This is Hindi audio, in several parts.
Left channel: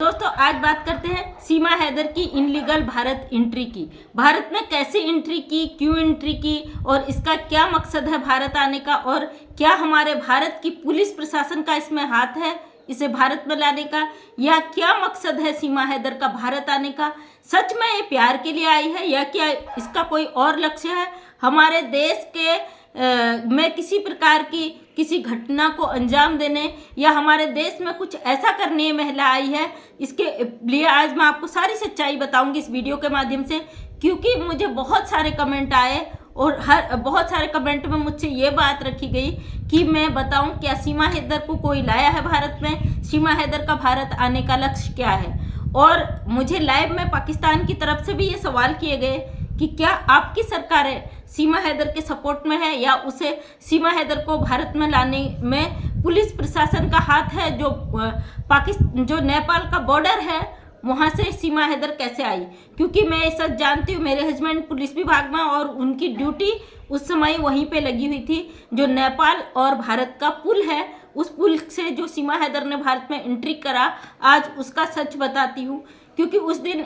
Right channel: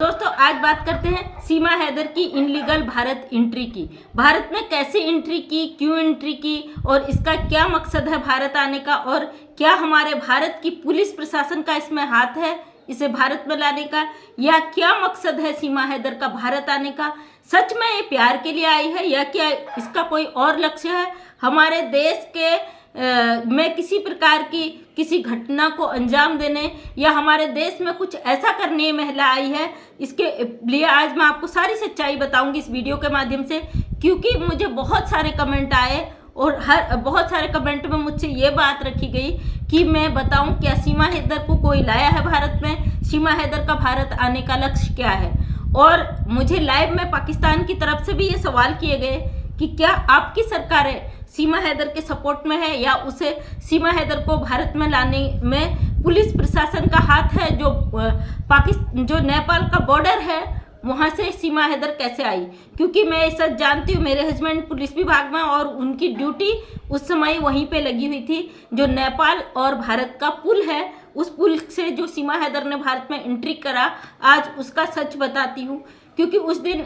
दोस्तों आज बात करते हैं सीमा हैदर की इनलीगल भारत एंट्री की। भारत में कैसे एंट्री की, क्यों एंट्री की और इसका क्या मकसद है भारत आने का, और क्या हमारे भारत की पुलिस प्रशासन का इसमें हाथ है इसे भारत में लाने का, या क्या मकसद है सीमा हैदर का भारत आने का। सच में ये प्यार के लिए आई है या क्या इसका कोई और लक्ष्य है, हमारे देश के में किसी प्रकार की किसी घटना को अंजाम देने या हमारे देश में कुछ ऐसा करने ये महिला आई है। इसके लिए आज मैं आपको सारी सच्चाई बताऊंगी इस वीडियो के माध्यम से, क्योंकि मुझे बहुत सारे कमेंट आए और बहुत सारे कमेंट में मुझसे ये बात रखी गई कि मैं बताऊं क्या सीमा हैदर को कोई लाया है भारत में, सीमा हैदर का भारत आने का लक्ष्य क्या है। और मुझे लाइव में पाकिस्तान की तरफ से भी ये सवाल किए गए कि क्या आपकी सरकारें सीमा हैदर के सपोर्ट में है या उसे सीमा हैदर को भारत में लाने में पुलिस प्रशासन का हाथ है। जो नेपाल का बॉर्डर है वहाँ से सीमा हैदर कैसे आई, क्योंकि मैं ये सच जानती हूँ, मेरे हस्बैंड पुलिस विभाग में और उनकी ड्यूटी उस समय वहीं पे लगी हुई थी। जो नेपाल और भारत का पुल है उस पुल से जो सीमा हैदर ने भारत में एंट्री करा, आज उसका सच बताती हूँ। क्योंकि उस दिन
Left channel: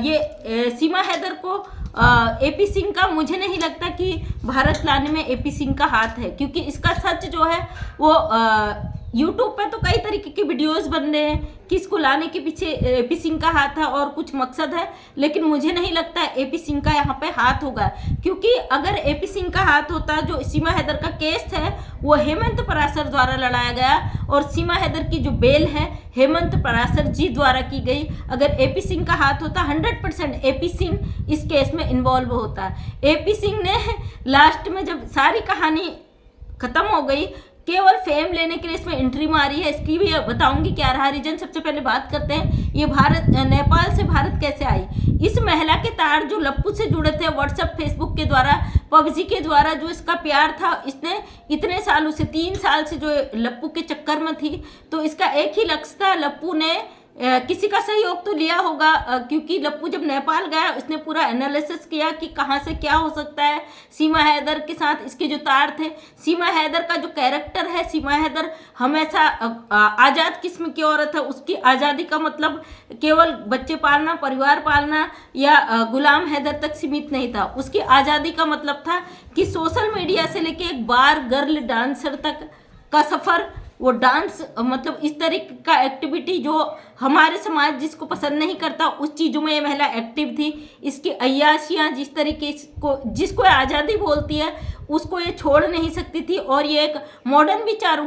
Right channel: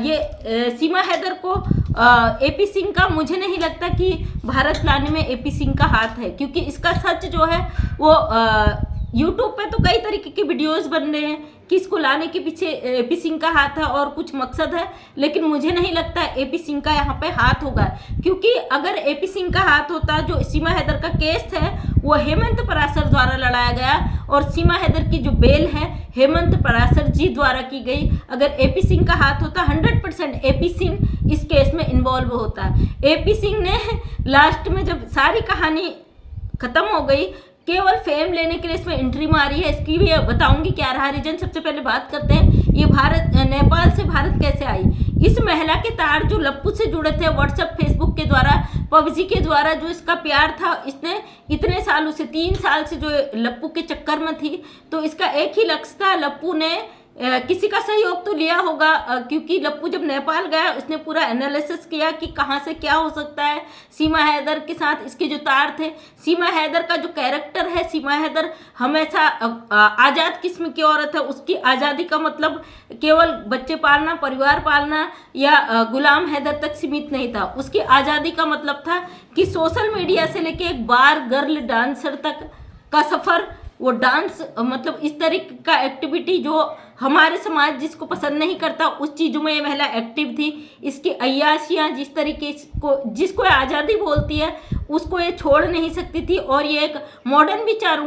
ये सीमा हैदर को एपी सिंह का, मुझे नहीं लगता कि भारत लाने में एपी सिंह का हाथ है, क्योंकि इसका सच जो है वो यूट्यूब पे तो कई तरीके के वीडियोस बन रहे हैं कि इसको लाने के पीछे एपी सिंह का हाथ है और कुछ मकसद है, लेकिन मुझे नहीं लगता एपी सिंह का यहाँ पे हाथ होगा। क्योंकि अगर एपी सिंह का हाथ होता, जो सीमा हैदर का केस है वो हेमंत पराशर द्वारा लड़ाया गया और सीमा हैदर की जो बेल है हेमंत पराशर जी द्वारा की गई। अगर एपी सिंह का हाथ होता 100% एपी सिंह इस केस में इन्वॉल्व होता। एपी सिंह ने लास्ट में जब सारी कहानी खत्म हो गई, केवल फेम लेने के लिए इसमें एंट्री मारी है। इसकी भी बताऊंगी क्या रहा रीजन। सबसे पहले बात करते हैं ये नेपाल से भारत कैसे आई। इस महिला के तार जो लप्पू से जुड़े थे व्हाट्सएप फेसबुक के द्वारा, पबजी के द्वारा, जो इसका प्यार था, इसने इतने सालों से 3 साल से जो लप्पू के चक्कर में थी, तो इसका एक ही लक्ष्य था। लप्पू ने किसी का सहयोग तो लिया होगा, क्योंकि लप्पू जब नेपाल गया उसने पूरा एनालिसिस किया कि कहाँ से क्या हो सकता है। सीमा हैदर के साथ इसके जो तार थे, सीमा हैदर का जो कैरेक्टर है, सीमा हैदर हमेशा आज़ाद किस्म की औरत है। उसकी आज़ादी का मतलब केवल बच्चे पालना, परिवार पालना या गुलाम हैदर तक सीमित नहीं था। उसकी आज़ादी का मतलब था कि सोशल मीडिया से लेके एक बार गर्ल डांसर तक का सफ़र, वो डांस मतलब इस तरीके का एक्टिविटी जो हमारे समाज जिसको पसंद नहीं करता उस चीज़ों में ये महिला एक्टिव थी। इसकी अय्याशियाँ जिस तरीके को जिसको आज़ादी बोलती है उसको ये छोड़ नहीं सकती थी। और ये एक मॉडर्न विचार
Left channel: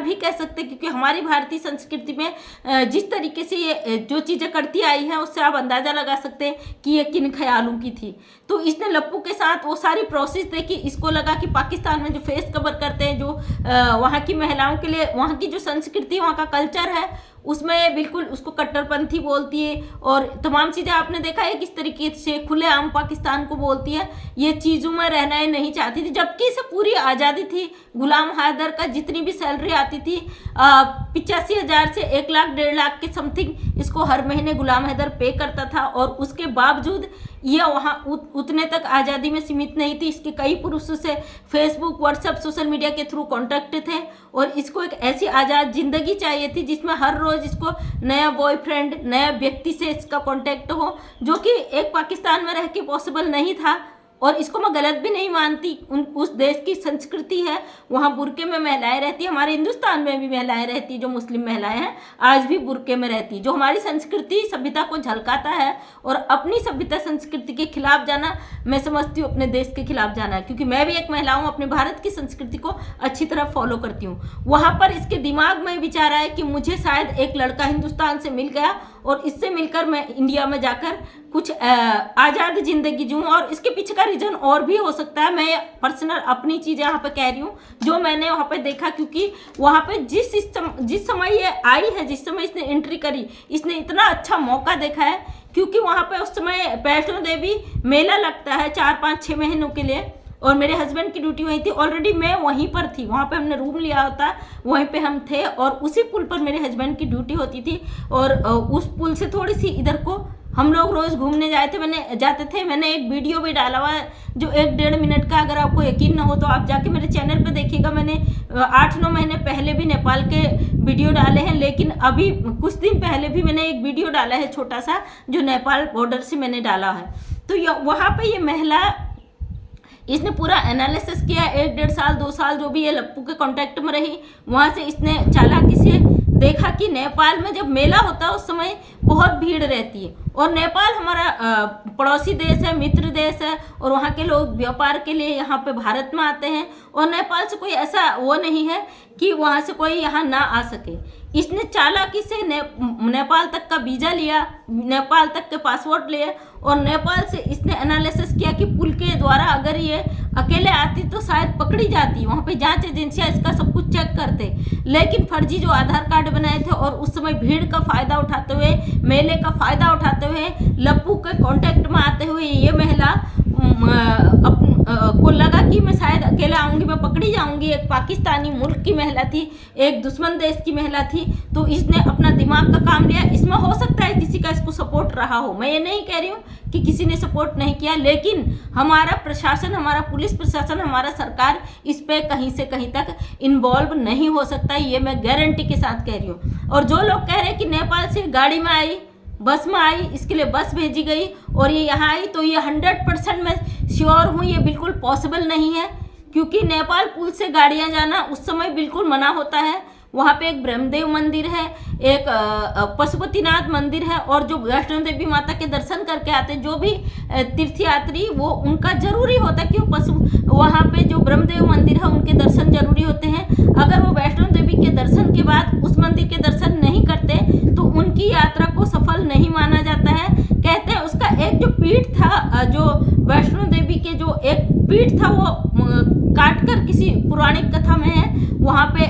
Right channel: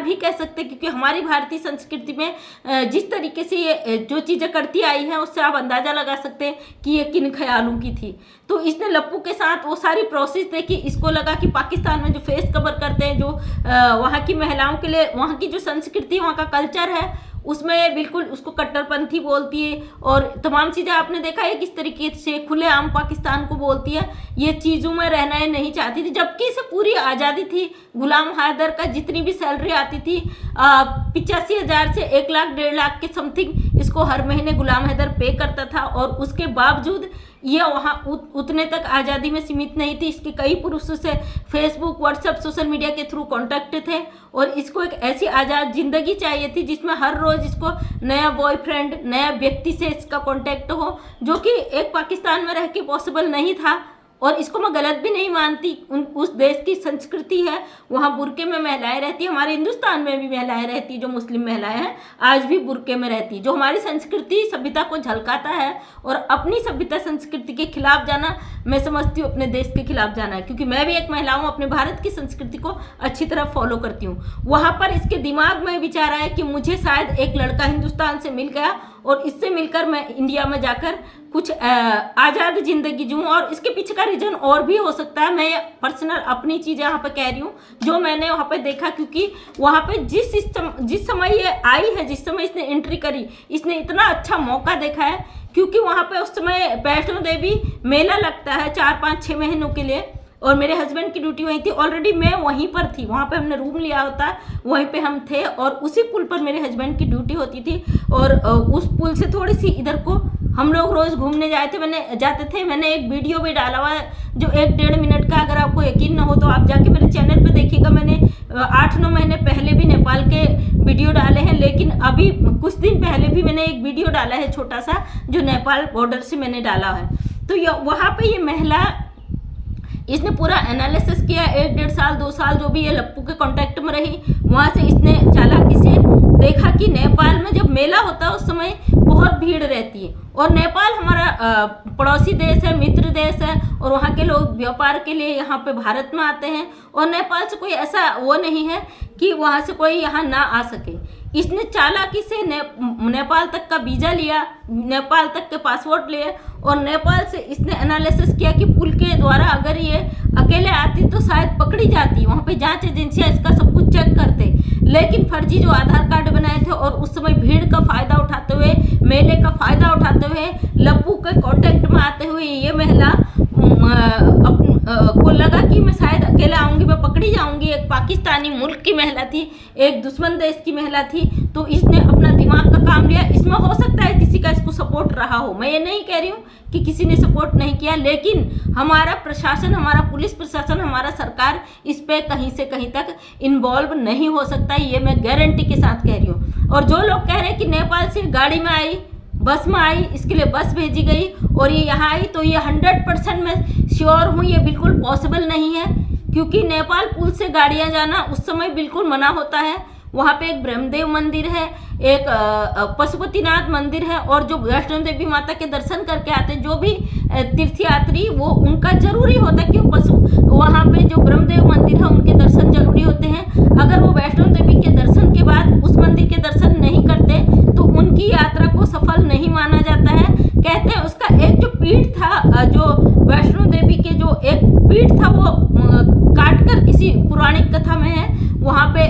भी कह सकते, क्योंकि हमारी भारतीय संस्कृति में जिस तरीके से ये जो चीज़ें करती आई हैं उससे आप अंदाज़ा लगा सकते हैं कि ये किन ख्यालों की थी। तो इसने लप्पू के साथ वो सारी प्रोसेस देखी। इसको लगा कि पाकिस्तान में जो फेस कवर करते हैं, जो वहाँ की महिलाओं के लिए वहाँ की जो संस्कृति, वहाँ का कल्चर है, उसमें ये बिल्कुल उसको कट्टरपंथी बोलती है और तमाम चीज़ें आपने देखा है किस तरीके से खुलेआम पाकिस्तान को बोलती है। ये चीज़ों में रहना ये नहीं चाहती थी, जबकि इसे पूरी आज़ादी थी। गुलाम हैदर का जितनी भी सैलरी आती थी 85,000 से 1 लाख 1.5 लाख के समथिंग इसको हर महीने गुलाम हैदर पे करता था, और उसके बावजूद ये वहाँ उतने तक आज़ादी में सीमित नहीं थी। इसके कई पुरुषों से फेसबुक, व्हाट्सएप, सोशल मीडिया के थ्रू कॉन्टैक्ट थे, और इसको एक ऐसी आज़ाद ज़िंदगी चाहिए थी जिसमें हर रोज़ इसको नया बॉयफ्रेंड, नया व्यक्ति से इसका कॉन्टैक्ट हो, जो कि एक पाकिस्तान में रह के पॉसिबल नहीं था। और इसको मैं गलत भी नहीं मानती, उस देश की संस्कृति है, वहाँ बुर्के में महिलाएं रहती है। हमारे हिंदुस्तान में भी महिलाएं रहती है, जो मुस्लिम महिलाएं हैं आज भी बुर्के में रहती है। जो हमारी संस्कृति सभ्यता को झलकाता है, और अपनी सभ्यता संस्कृति के खिलाफ जाना मैं समझती हूँ अपने देश के खिलाफ जाना है, क्योंकि मैं भी एक महिला हूँ, अपने भारत की संस्कृति को अच्छी तरह फॉलो करती हूँ। वहाँ पर इसके दिमाग में विचार आया कि मुझे शायद एक लड़का हिंदुस्तान से मिल गया और इससे मिलकर मैं इंडिया में जाकर कुछ आज़ाद ज़िंदगी जीऊँ। और इसके पीछे का रीज़न और भी हो सकता है, मैं पर्सनल अपनी चीज़ें यहाँ पे कह रही हूँ जो मैंने वहाँ पे देखा। क्योंकि वहाँ पे जिस समय ये आई है, जिस समय इसने एंट्री करी, इसने इतना अच्छा मौका देखा है, क्योंकि वहाँ पे उस समय वैष्णो देवी मेला लगता है 4-5-6 महीनों के लिए, और मेरे हस्बैंड की ड्यूटी वहीं थी। ऑलरेडी मैं वहीं पर थी, वहाँ पे हमने रूम लिया होता, वहीं पे हम थे, और उसी पुल पर मेरे हस्बैंड की ड्यूटी होती थी। और उस पुल से थोड़ी सी इधर को हम लोग रोज़ घूमने जाते थे। मैंने एक वीडियो भी डाला हुआ है जो 1-1.5 मिनट का। अगर आपको यकीन ना हो तो आप जाके मेरे चैनल पे देखिएगा। मैंने 8-9 महीने पहले भी नेपाल के वीडियो डाले हैं, लेकिन अभी कुछ दिन पहले भी मैंने एक वीडियो डाला है छोटा सा, जो नेपाल बॉर्डर से मैंने डाला है। तो वहाँ पे ये महिला, इसने पूरा एनालिसिस किया, 1-1.5 साल 2 साल जो भी ये लप्पू के कांटेक्ट में रही, वहाँ से इसने चालाकी से देखा कि नेपाल में जब मेला होता है उस समय बहुत भीड़ रहती है, और नेपाल हमारा पड़ोसी देश है, मित्र देश है, और वहाँ के लोग व्यापार के लिए यहाँ पे भारत में आते हैं, और नेपाल से कोई ऐसा वो नहीं है कि वहाँ से कोई यहाँ ना आ सके। इसने चालाकी से नेपाल तक का वीज़ा लिया, नेपाल तक के पासपोर्ट लिए, और नेपाल से इसने एनालिसिस किया कि पुल के द्वारा अगर ये अकेले आती तो शायद पकड़ी जाती। वहाँ पे जांच एजेंसियाँ इसका सब कुछ चेक करते, लेकिन फर्जी जो आधार कार्ड बनाए थे, और उस समय भीड़ का फ़ायदा उठाते हुए, मेले का फ़ायदा उठाते हुए, लप्पू के कांटेक्ट में आते हुए ये महिला को लगा कि मैं शायद अकेले आऊँगी, मैं पकड़ी जाऊँगी। एक पाकिस्तानी मुल्क की महिला थी, एक दुश्मन देश की महिला थी, तो इसने अपना दिमाग का काम लिया। इसमें हो सकता है किसी का इसको सपोर्ट रहा हो, मैं ये नहीं कह रही हूँ कि किसी ने सपोर्ट नहीं किया, लेकिन हमारा प्रशासन, हमारा पुलिस प्रशासन, हमारा सरकार इस पे कहीं से कहीं तक इन्वॉल्व नहीं हो सकता, ये मैं गारंटी के साथ कह रही हूँ। और जो लोग कह रहे हैं कि नेपाल से गाड़ी में आई, बस में आई, इसके लिए बस भेजी गई और ये यहाँ आई, तो ये 100% मैं श्योर हूँ ये बिल्कुल पॉसिबल नहीं है, क्योंकि नेपाल पुल से गाड़ियाँ जाना उस समय बिल्कुल मना होता है। वहाँ पे एक ब्रह्मदेव मंदिर है, एक पशुपतिनाथ मंदिर है, और जो वैष्णो देवी माता के दर्शन करके आते हैं जो भी तीर्थयात्री, वो उनका जरूरी होता है, क्यों वहाँ पे जो ब्रह्मदेव मंदिर है उनके दर्शन जरूरी होते हैं। अगर वो वैष्णो देवी के दर्शन के बाद उस मंदिर के दर्शन नहीं करते तो उनकी यात्रा को सफल नहीं माना जाता है। कहते हैं उसका एक जो पीठ था, जो वैष्णो देवी के जो एक पीठ था, वो काट कर किसी पौराणिक कथा में है, वहाँ पे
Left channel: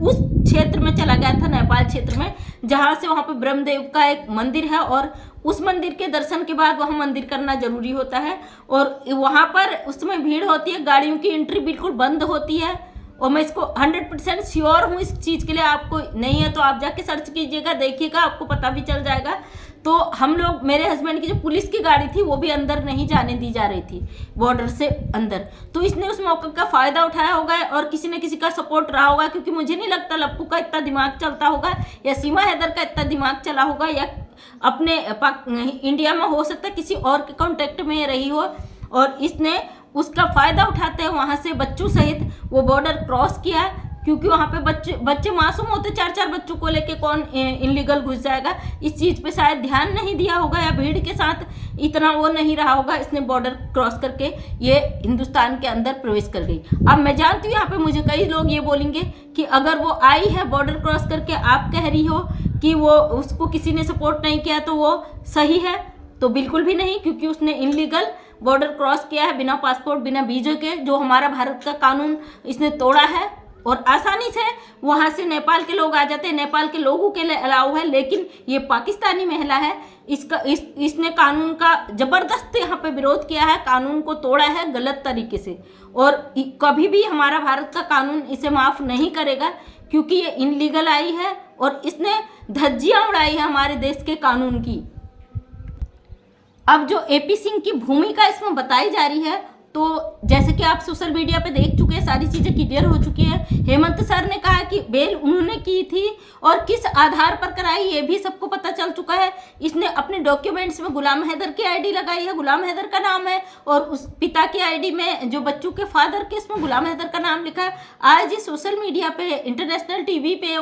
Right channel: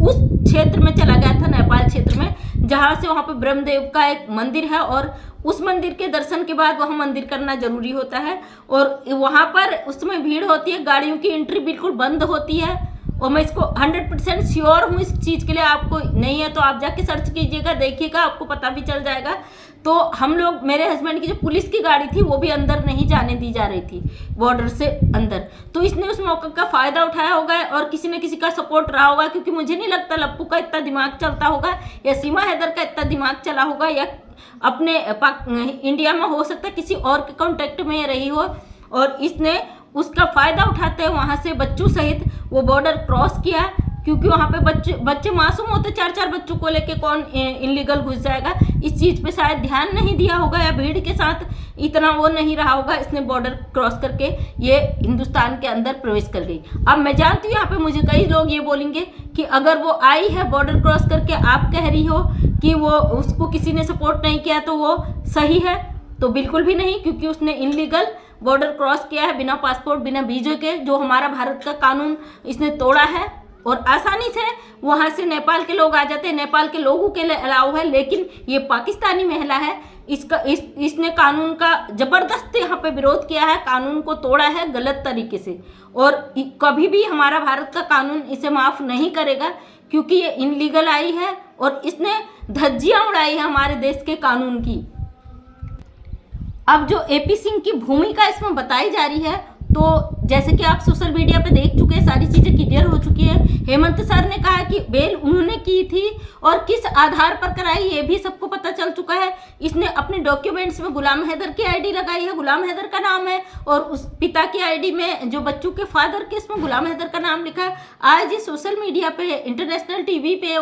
उस क्षेत्र में चला गया था, नेपाल क्षेत्र में, जहाँ से वहाँ पे ब्रह्मदेव का एक मंदिर है, और उस मंदिर के दर्शन के बाद वहाँ मंदिर करना जरूरी होता है। और वहाँ पर उस समय भीड़ होती है, गाड़ियों की एंट्री बिल्कुल बंद होती है, और मैं इसको 100% श्योर हूँ इस चीज़ के लिए। आपको नहीं है तो आप जाके सर्च कीजिएगा, देखिएगा, आपको पता भी चल जाएगा। तो हम लोग, मेरे हस्बैंड की जो पुलिस की गाड़ी थी वो भी अंदर नहीं जाने दी जा रही थी, बॉर्डर से अंदर, तो इसने उस मौके का फ़ायदा उठाया होगा, और किसी न किसी का सपोर्ट रहा होगा, क्योंकि मुझे नहीं लगता लप्पू का इतना दिमाग चलता होगा, या सीमा हैदर का इतना दिमाग चला होगा, या अपने इंडिया में हो सकता है किसी और के कॉन्टेक्ट में रही हो, और इसने उसका फ़ायदा उठाते हुए वहाँ से बच्चों सहित वो बॉर्डर क्रॉस किया, क्योंकि वहाँ पे बच्चे मासूम होते, 4-4 बच्चों को लेके कौन इनलीगल घुस जाएगा। इस चीज़ पे शायद ध्यान नहीं दिया होगा, या भीड़ के साथ इतना वो नहीं रहा होगा, इसने बॉर्डर क्रॉस करके ये हिंदुस्तान के अंदर प्रवेश कर गई। अब मैं जानती हूँ यहाँ पे मुझे कई लोग ये बोलेंगे कि अगर वो आई है बॉर्डर क्रॉस करके, आप कह रही हो कि वो उसको किसी ने सपोर्ट नहीं किया तो वो सही है, तो बिल्कुल भी नहीं, क्योंकि उसने इनलीगल बॉर्डर क्रॉस किया है, बिना पासपोर्ट, बिना वीज़े के, जो हमारा भारत का कानून इसने तोड़ा है, और आसानी से वहाँ से नेपाल के लोग आ जाते हैं, नेपाल के लोगों के लिए अलाउ है। लेकिन ये पाकिस्तानी महिला है, इसने कानून का ज़बरदस्त यहाँ पे विरोध किया है, कानून को तोड़ा है गलत तरीके से, और कभी भी हमारा भारत का कानून इसे माफ़ नहीं करेगा, क्योंकि ये इनलीगल आई है और इसने धज्जियाँ उड़ाई है हमारे देश के कानून की। अब जो एपी सिंह की भूमिका इसमें बताई जा रही है, तो जैसे कि आप सोशल मीडिया पे देख चुके हैं, सारी चीज़ें क्लियर हो चुकी है। हेमंत सर ने कहा कि बेल उन्होंने की थी और किस आधार पर कराई, ये भी सबको पता चल चुका है। इसने अपने डॉक्यूमेंट्स में गुलाम हैदर की आईडी लगाई है, गुलाम हैदर का नाम है, और उस पिता की आईडी में जो बच्चों के फादर के, इसमें गुलाम हैदर का नाम लिखा है। आज ये सोशल मीडिया पे, इंटरनेशनल टीवी पे,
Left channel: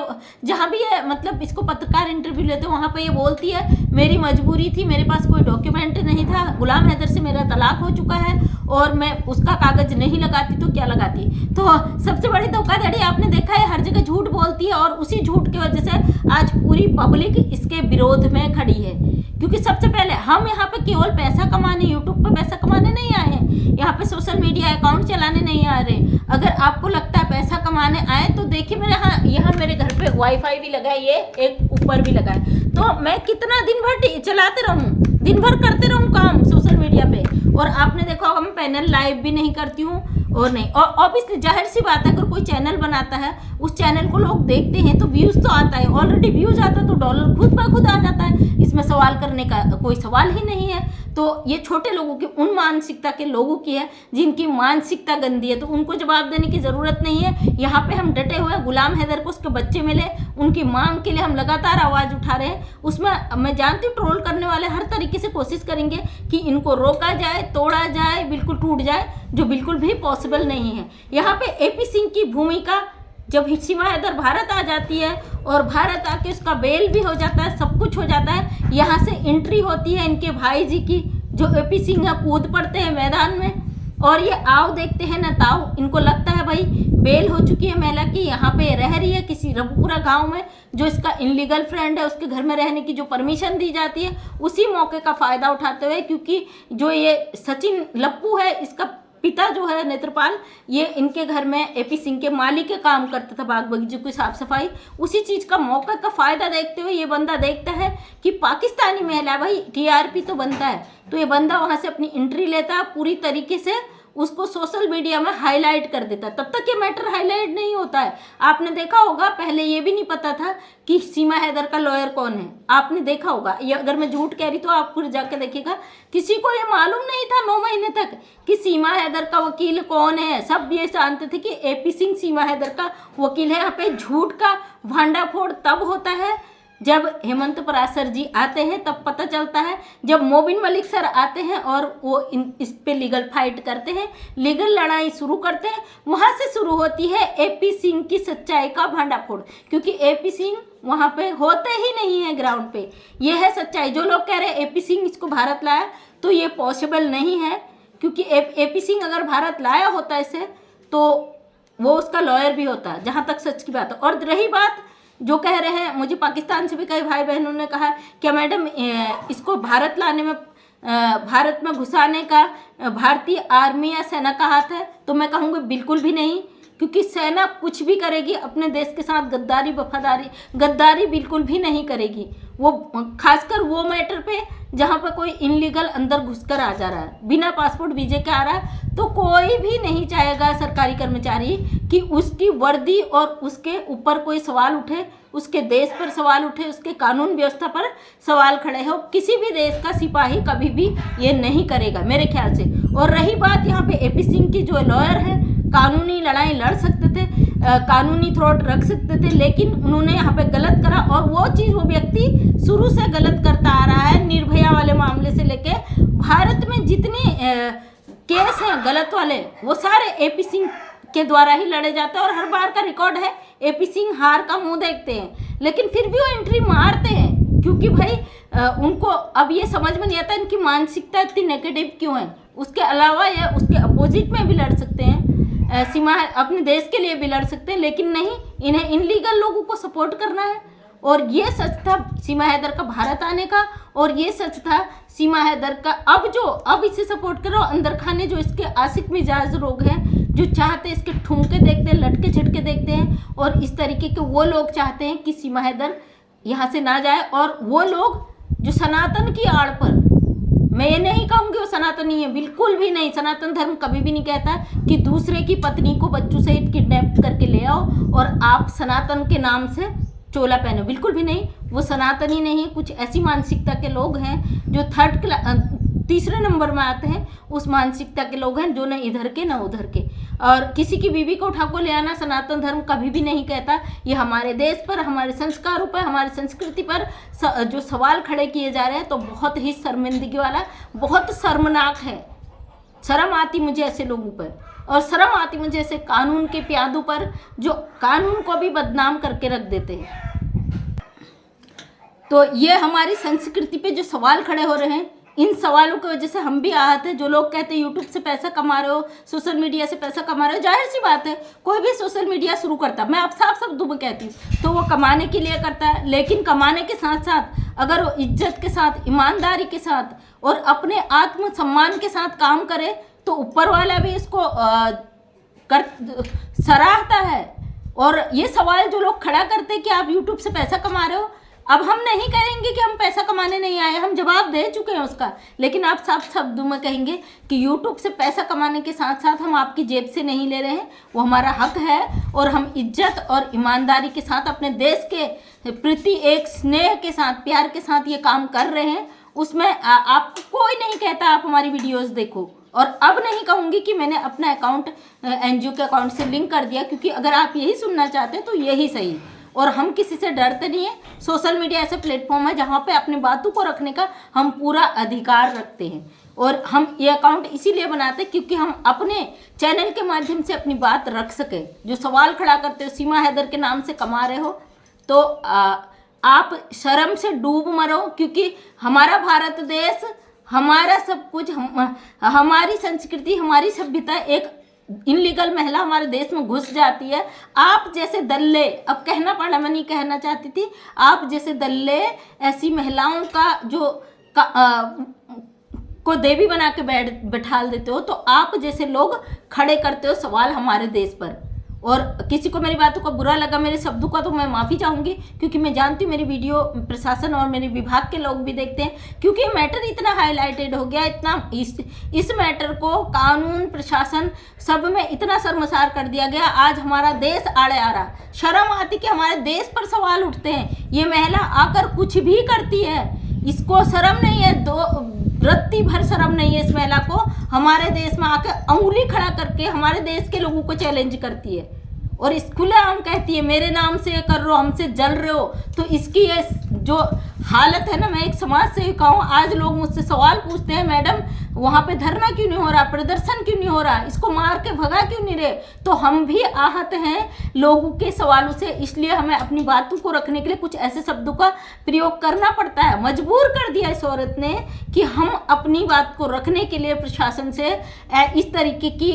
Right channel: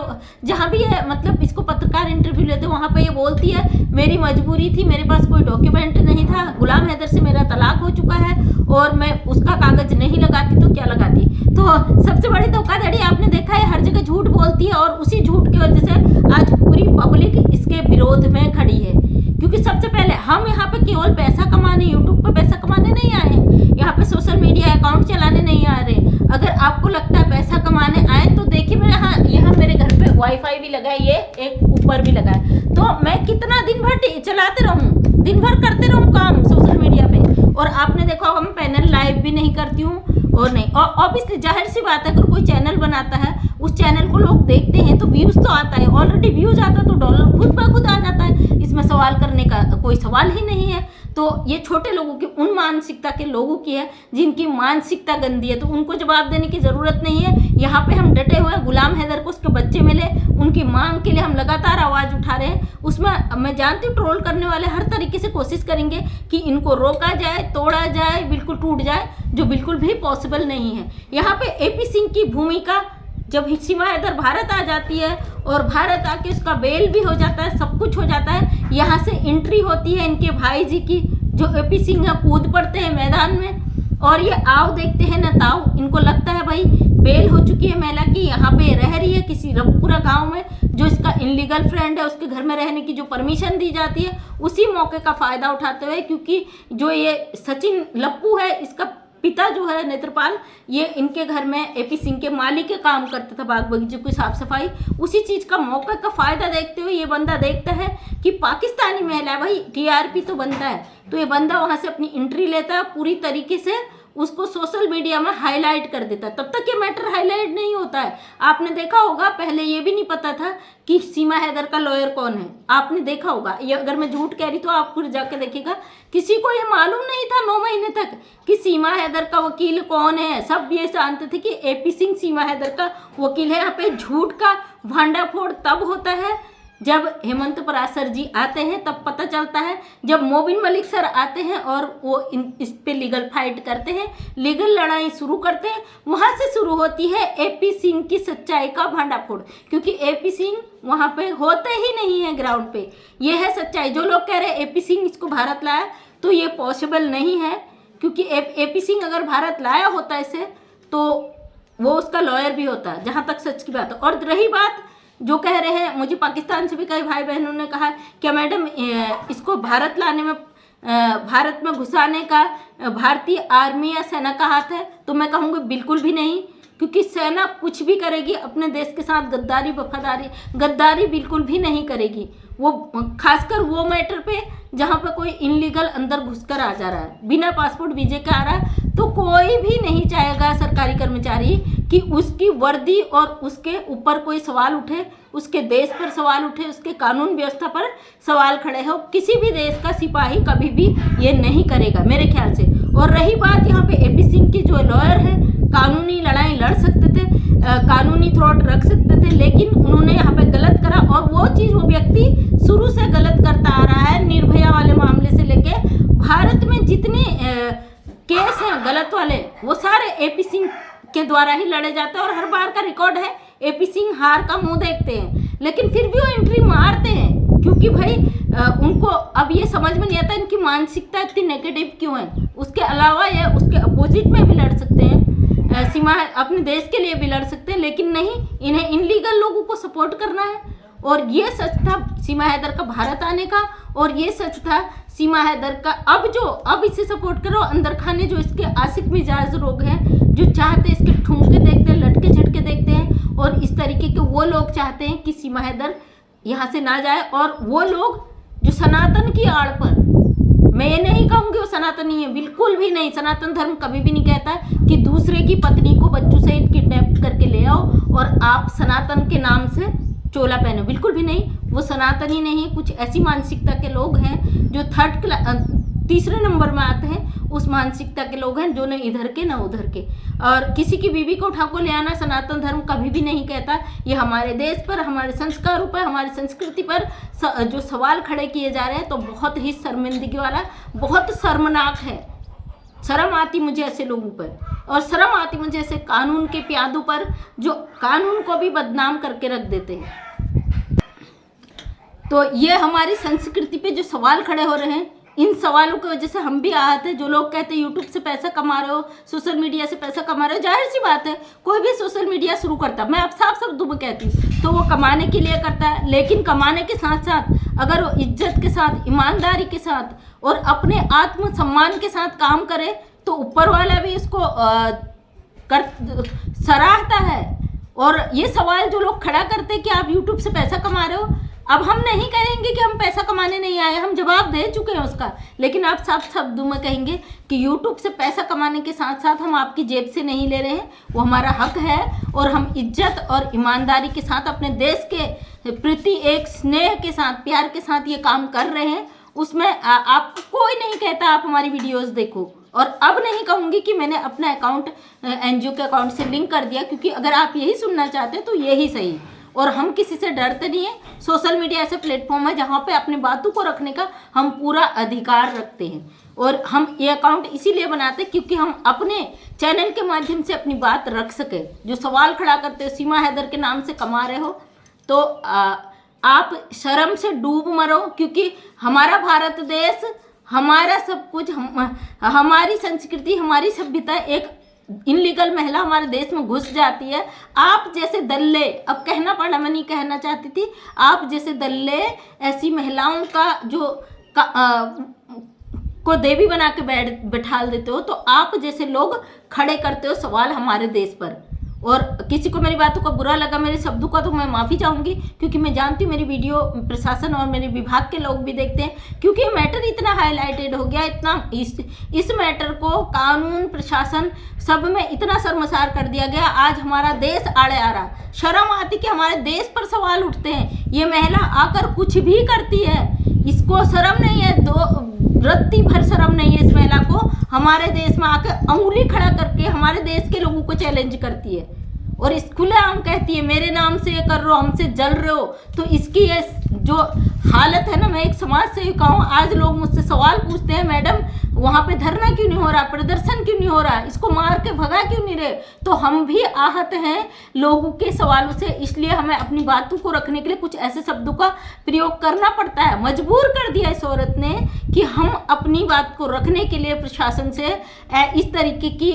जहाँ भी है, मतलब इसको पत्रकार इंटरव्यू लेते हैं, वहाँ पर ये बोलती है मेरी मजबूरी थी, मेरे पास कोई डॉक्यूमेंट नहीं था, गुलाम हैदर से मेरा तलाक हो चुका है और मैं उसका कागज नहीं लगाती तो क्या लगाती। तो सबसे बड़ी धोखाधड़ी आपने देखा है, हर जगह झूठ बोलती है, और उसी झूठ की वजह से आज पूरी पब्लिक इसके विरोध में खड़ी है। क्योंकि सबसे पहले हम यहाँ पे केवल पैसा कमाने, यूट्यूब पे पैसा कमाने नहीं आए हैं, यहाँ पे सोशल मीडिया अकाउंट चलाने नहीं आ रहे। अगर आपको लगता है पैसा कमाने आए तो देखिए मेरे यहाँ मेरे घर पे वाईफाई भी लगा है, ये एक ऊपर भी लगा है, तो मैं कितना दिन भर चलाते रहूँ, दिन भर करते रहूँ काम सोशल मीडिया पे, और आपने देखा होगा मैं पैनल लाइव भी नहीं करती हूँ और नहीं, और ऑब्वियसली जाहिर सी बात है अगर कोई चैनल बनाता है उस चैनल को लोग देखते हैं तो व्यूज़ तो आता है, ऑलरेडी व्यूज़ आता है तो डॉलर खुद ब खुद आ जाता है, इसमें सवाल करने का कोई सवाल ही नहीं है। तो ये छोटे लोगों की, उन मानसिकता के लोगों की है जिनकी मानसिकता गंदी है, तो उनको जवाब देने की ज़रूरत नहीं है। यहाँ पे हम डटे हुए हैं, गुलाम हैदर को उसके बच्चे मिले, उनकी मांग के लिए हम लगातार आवाज़ उठा रहे हैं। उसमें मैं जानती हूँ ट्रोल करने वाले हर तरीके से कोशिश करेंगे कि इनको रोका जाए, तोड़ा जाए, बिल्कुल टूट जाए, जो बिल्कुल भी पॉसिबल नहीं है। यहाँ पे AP सिंह की भूमिका, जब सीमा हैदर भारत आ जाती है और भारत आके उसका बेल भी हो जाता है, सब कुछ हो जाता है, यहाँ से एंट्री होती है इनके भाई जी की, जो AP सिंह है, कूद पड़ते हैं मैदान में और ये आओ देखते हैं न ताओ। इनको लगता है भाई बेल हो चुकी है महिला की, यहाँ पे रह रही है किसी रंगपुरा गांव में, जो इसका इनलीगल फ्रेंड है उसके घर में रहने की जो परमिशन दी जाती है, उसी मौके का फ़ायदा उठाते हुए, क्योंकि जो ये सचिन लप्पू है इसका पिता जो है नेत्रपाल, ये इनके घर में AP सिंह के माली के काम करता था, बाग बगीचों की साफ सफाई, उसी चीज़ का मौके का फ़ायदा देखते हुए ये बंदा देखता है कि पाकिस्तानी महिला भाई TRP तो बनता है, तो ये बंदा वहाँ से अपनी एंट्री लेता है, पूरी तरीके से उसको सोशल मीडिया में हाईलाइट कर देता है। तब तक ये मैटर हाईलाइट नहीं होता है। आपने देखा होगा पहले ये भी नहीं पता था कि सीमा हैदर का लॉयर कौन है, आपने देखा होगा, ये अगर मैं झूठ कह रही तो आप फिर जाके देखिएगा, किसी को ये मालूम नहीं था 9 महीने तक कि सीमा हैदर का वकील कौन है। सब ये जानते थे कि AP सिंह सीमा हैदर का वकील है। यहाँ पे झूठ का भांडाफोड़ तब होता है जब हेमंत पराशर जी आते हैं, तब पता चलता है, जब मोबिन मलिक सर आते हैं और वो इस पे लीगल फाइट करते हैं, लीगल लड़ाई शुरू करते हैं, वहाँ से शुरू होती है AP सिंह की सच्चाई का भांडाफोड़, क्योंकि AP सिंह वहाँ पे होते ही नहीं है ग्राउंड पे। ये है सच्चाई। जो लोग कह रहे हैं AP सिंह इसको भारत लाया, तो ये पॉसिबल नहीं है, क्योंकि AP सिंह अगर भारत लाया होता इसे तो वो उसका लॉयर भी होता, जहाँ तक सच की बात है। और रही बात जो कह रहे हैं, मुझे पाकिस्तान से भी कई भाई बहनों ने कहा क्या मैडम इसको भारत लाने में, भारत में घुसाने का भारतीय आर्मी या सेना का हाथ है, तो मैं कहूँगी बिल्कुल भी नहीं, क्योंकि सेना कुछ भी करेगी अपने देश के साथ गद्दारी गद्दारी बिल्कुल भी नहीं करेगी। वो खासकर वो मैटर पे जहाँ पे कोई इनलीगल अंदर घुसकर आ जा रहा है, बिना पासपोर्ट वीजे के आ रहा है, तो कोई भी नहीं चाहेगा सरकारी कर्मचारी कि उसकी वर्दी और उसके ऊपर कोई सवाल उठे, उसके देश पर सवाल उठे, उसके कानून व्यवस्था पर सवाल खड़े हो। किसी भी देश का सिपाही कभी भी ये नहीं करेगा मेरे ख्याल से। और रही बात यहाँ पे AP सिंह की, जो लॉयर है, कानूनी लड़ाई लड़ सकते थे, कानूनी थ्रोट रख सकते थे, लेकिन उन्होंने यहाँ पे गलत करा, और वो चीज़ वो व्यक्ति शुरू से गलत करता आ रहा है। निर्भया वाले मामले से लेके भारत में जितने केस हैं गलत वाले, वो सारे AP सिंह के द्वारा ही लड़े जाते हैं, और हर बार का रिकॉर्ड है AP सिंह हार का मुंह देखते हैं, लेकिन फिर भी वो एंट्री मारते हैं, क्योंकि भाई उनको अब ये समझ में नहीं आता इनकी मानसिकता इतनी नेगेटिव क्यों है। उसके अलावा ये उसके अपोजिट में भी लड़ सकते हैं, सीमा अपने देश के लिए भी लड़ सकते हैं, लेकिन नहीं, इन्हें इनलीगल लोगों को सपोर्ट करना है। और ये सच था सीमा हैदर का भारत आने का, और ये सच था सीमा हैदर का अब इसे सपोर्ट करो। अंदर खाने जो इसके आशिक मिजाज लोग हैं, जो चाहते इसके ठुमके देखते हैं, लटके झटके देखते हैं, और इस तरीके के वो लोग चाहते हैं कि सीमा हैदर यहाँ से ना जाए। और वो लोग जो सनातन की आड़ पर, मैं ये नहीं कहूँगी वो सनातनी है, बिल्कुल भी नहीं। सनातन धर्म कभी भी नहीं कहता कि दूसरे की पत्नी को बच्चों सहित किडनैप करके ले आओ और आप सनातन के नाम से चोला पहनो, बिल्कुल भी नहीं। वो सनातनी नहीं है। कुछ ऐसी मानसिकता के लोग हैं जो तीसरे नंबर में आते हैं, उस मानसिकता के लोग हैं जो न इधर के न उधर के। और किसी की बीवी को उठा को ले आना सनातन धर्म कभी भी नहीं कहता। ये हमारे देश पर, हमारे संस्कारों पर, हमारी संस्कृति पर जो सवाल खड़े किए जा रहे हैं, तो बहुत ही शर्मिंदगी वाला, बहुत शर्मनाक है। शर्म आती मुझे ऐसे लोगों पर, और शर्म आती मुझे ऐसे कानून के प्यादों पर जो कानून को भी बदनाम करके रख देते हैं। तो ये हमारी संस्कृति पे जो सवाल खड़े हो रहे हैं, इन सवालों की वजह से हम भी आहत हैं। जो लोग कहते हैं यूट्यूब से पैसा कमा रहे हो, सोशल मीडिया से पैसा कमा रहे हो, जाहिर सी बात है कोई भी सोशल मीडिया शुरू करता है, मैं आप साफ शब्दों में कहती हूँ, तो वो कमाने के लिए करता है। लेकिन कमाने के साथ साथ अगर वो इज्जत के साथ, ईमानदारी के साथ और अपने आत्मसम्मान के साथ काम करे, तो ऊपर वाला भी इसको सराहता है। और ये सवाल जो लोग खड़ा करते हैं कि आप यूट्यूब से पैसा कमा रहे हो, अब हम नहीं कहेंगे कि हम पैसा कमाने नहीं आए, हम जवाब दे चुके हैं उसका। लेकिन आप साफ शब्दों में कहेंगे कि यूट्यूब से पैसा कमाने के साथ साथ हम आपकी जेब से नहीं ले रहे हैं, वो हमारा हक है और हम इज्जत और ईमानदारी के साथ अपने देश के प्रति एक स्नेह के साथ, प्यार के साथ ये काम कर रहे हैं। उसमें आपको कोई नहीं कहता आप हमारी वीडियोज़ देखो। और अब नहीं कहूँगी कि मैंने अपना अकाउंट NGO के अकाउंट से लिंक कर दिया, क्योंकि अगर आप यही सुनना चाहते हैं तो यही सही। और हम किसी से डरते नहीं हैं। सोशल मीडिया ऐसा प्लेटफॉर्म है जहाँ पे अपनी बातों को रखने का हम पूरा अधिकार रखते हैं। और हम ये अकाउंट इसीलिए बनाते हैं क्योंकि हम अपने चैनल के माध्यम से अपनी बात रख सकें। जो सवाल खड़ा करते हो सीमा हैदर के नाम से कमा रहे हो, तो आप शर्म से डूब मरो, क्योंकि हमारा भारत देश, हमारा सब कुछ, हमारी संस्कृति, हमारी सभ्यता, एक इनलीगल महिला हमारे देश में घुस जाती है। आप जैसे दल्ले, अब कहना पड़ा, मैं नहीं कहना चाहती थी, आप जैसे दल्ले ऐसी महिलाओं का को देवी बना के बैठाल देते हो, तो आप जैसे लोग खड़े करते हो सवाल हमारे देश पर। और किसी को मेरी बातों का बुरा लगा, मेरे शब्दों का, तो मैं माफ़ी चाहूँगी, क्योंकि मैं जानती हूँ मेरी वीडियो प्रशासन और मेरे विभाग के लोग भी देखते हैं, क्योंकि ये मैटर इतना हाईलाइटेड हो गया, इतना इस मैटर को कानून प्रशासन सब में इतना शर्मसार कर दिया गया। आज हमारा देश आड़े आ रहा, शर्म आती कि हमारे देश पर सवाल उठते हैं। ये महिला आकर कुछ भी करती है, इसको शर्म नहीं है, रत्ती भर शर्म नहीं है इस महिला को। हमारे देश में आकर उंगली खड़ा करके हमारे देश के लोगों को चैलेंज करती है और इस खुलेआम कहती है मेरे नाम से ये कर रहे हो, हमसे जल रहे हो। तो इसकी ये जो हालत है ना, मैं एक समाज सेविका हूँ, आज लोग मुझसे सवाल पूछते हैं, मैडम वहाँ पे धरना क्यों नहीं हो रहा, प्रदर्शन क्यों नहीं हो रहा, इसको मार के भगा क्यों नहीं रहे। तो हम भी आहत हैं लोगों के सवालों से, इसलिए हमें अपनी बातों को रखने के लिए कुछ ऐसे शब्दों का प्रयोग करना पड़ता है। मजबूर कर दिया इस औरत ने कि हम अपनी बात को रखने के लिए प्रशासन से इस तरीके की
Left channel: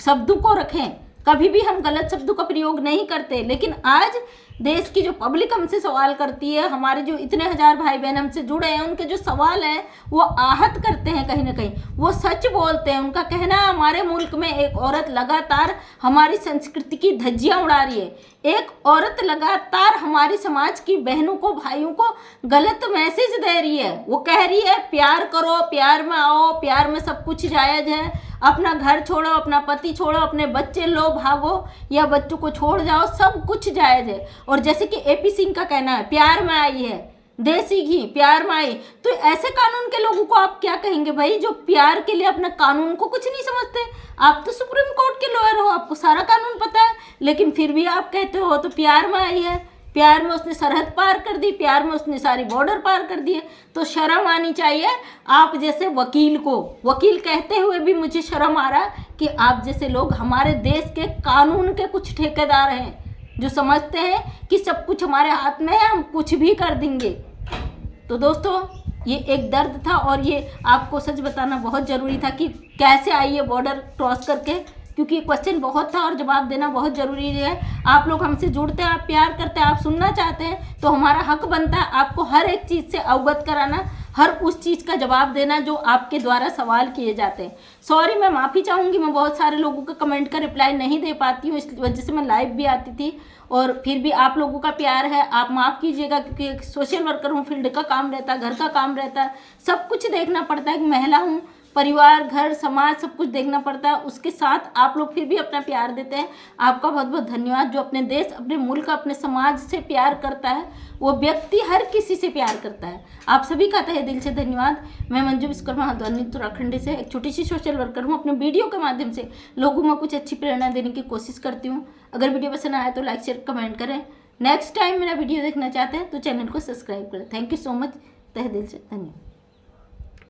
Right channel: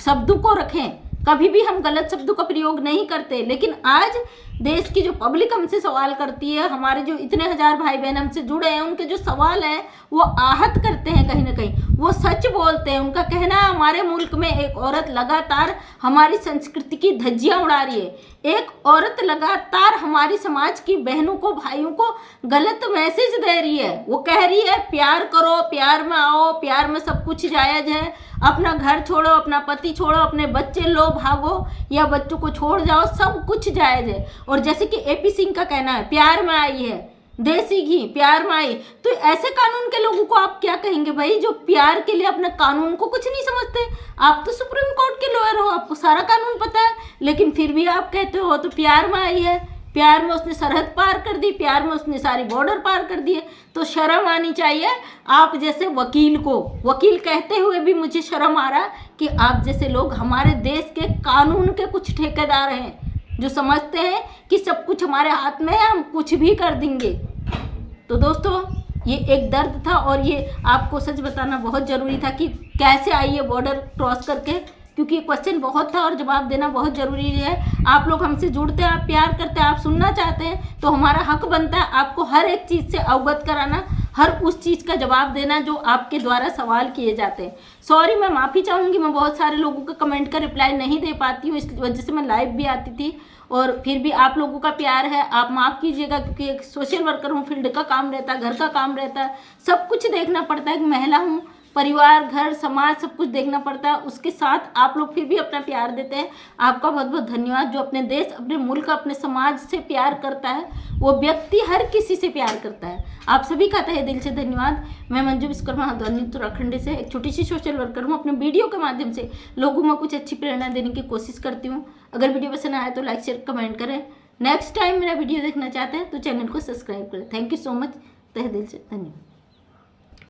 शब्दों को रखें। कभी भी हम गलत शब्दों का प्रयोग नहीं करते, लेकिन आज देश की जो पब्लिक हमसे सवाल करती है, हमारे जो इतने हजार भाई बहन हमसे जुड़े हैं, उनके जो सवाल हैं वो आहत करते हैं, कहीं ना कहीं वो सच बोलते हैं। उनका कहना है हमारे मुल्क में एक औरत लगातार हमारी संस्कृति की धज्जियां उड़ा रही है, एक औरत लगातार हमारी समाज की बहनों को, भाइयों को गलत मैसेज दे रही है। वो कह रही है प्यार करो, प्यार में आओ, प्यार में सब कुछ जायज़ है, अपना घर छोड़ो, अपना पति छोड़ो, अपने बच्चे लो, भागो या बच्चों को छोड़ जाओ, सब कुछ जायज़ है। और जैसे कि AP सिंह का कहना है प्यार में आई है, देसी घी प्यार में आई, तो ऐसे कानून के लोगों को आप क्या कहेंगे भाई, जो प्यार के लिए अपने कानून को कुछ नहीं समझते। आप तो सुप्रीम कोर्ट के लॉयर हो, आपको सारा कानून पता है, लेकिन फिर भी आप कहते हो तो प्यार में आई है, प्यार में उसने सरहद पार कर दी, प्यार में उसने सारी बॉर्डर पार कर दिए। तो शर्म आनी चाहिए आप जैसे वकील को। वकील कहते हुए भी मुझे शर्म आ रहा कि आप जैसे लोग हमारे देश के कानून के कुछ ठेकेदार हैं, जो समझते हैं कि सब कुछ हमारे हाथ में है, हम कुछ भी कर देंगे। तो दोस्तों, ये एक दर्द था और ये आपको सच बताना बहुत ज़रूरी था कि कैसे आई ये बॉर्डर क्रॉस करके, क्योंकि क्वेश्चन बहुत था और जवाब देना बहुत ज़रूरी है। आप लोग हमसे जुड़ते हैं, आप प्यार करते हैं, आप सुनना चाहते हैं, तो हमारा हक बनता है आपको हर एक चीज़ से अवगत कराना, हर उस चीज़ का जवाब देना जो आपके द्वारा सवाल किए जाते हैं। सॉरी, मैं माफ़ी चाहूँगी, मैं बहुत सारे लोगों के कमेंट का रिप्लाई नहीं दे पाती हूँ, इस वजह से मैं लाइव भी आती थी, और फिर भी आप लोगों का प्यार है, आप माफ़ कीजिएगा, क्योंकि एक सोशल वर्कर हूँ, फील्ड का काम रहता है, घर का काम रहता है, सब कुछ देखना पड़ता है। एक महिला हूँ, परिवार, घर, समाज सब कुछ देखना पड़ता है। उसके साथ आप लोग फिर भी अपना प्यार देते हैं, आपका बहुत बहुत धन्यवाद। जो अपने देश, अपने मुल्क, अपने समाज से प्यार करता है, वो व्यक्ति हर किसी से प्यार करता है। आप सभी का तहे दिल से धन्यवाद। मैं मंजू विश्वकर्मा हल्द्वानी उत्तराखंड से एक छोटी सी सोशल वर्कर हूँ। अपने वीडियो के माध्यम से लोगों में कुछ अच्छी प्रेरणा देने की कोशिश करती हूँ। अगर वीडियो पसंद आए तो लाइक, शेयर, कमेंट करें। नेक्स्ट टाइम मेरा वीडियो देखना चाहते हैं तो चैनल को सब्सक्राइब करें। थैंक यू सो मच, तहे दिल से धन्यवाद।